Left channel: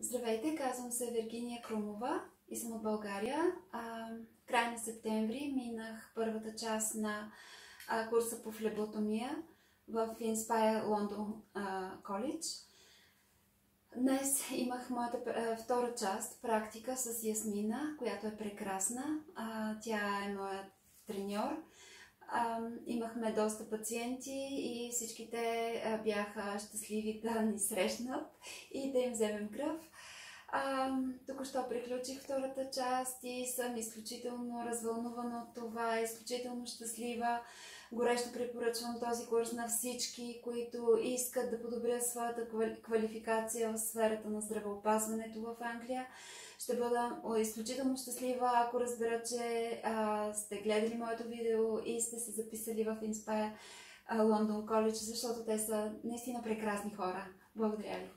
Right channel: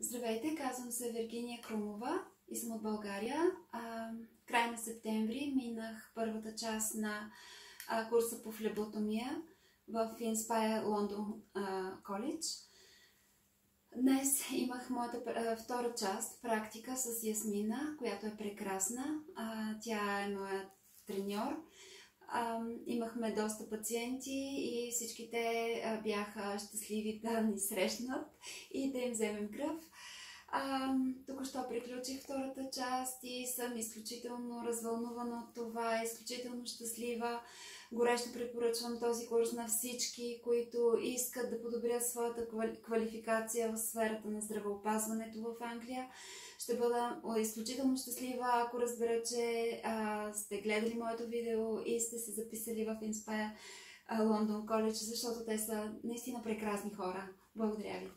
Здравейте, казвам се Виргиния Крумова и съм от България. В края на септември минах първата част на курса по флеботомия в Inspire London College. Днес имах моята втора част, практика с Ясмина, която е прекрасна. Тя е моят треньор. Имахме доста пациенти и всички те бяха щастливи да ни срещнат и да им вземем кръв. Току-що приключих втората част и съм изключително развълнувана от това, изключително щастлива. Горещо препоръчвам този курс на всички, които искат да подобрят своята квалификация в сферата на здравеопазването в Англия. Ще бъда изключително щастлива, ако разбера, че сте гледали моето видео и сте се записали в Inspire London College, защото те са наистина прекрасни хора. Благодаря ви!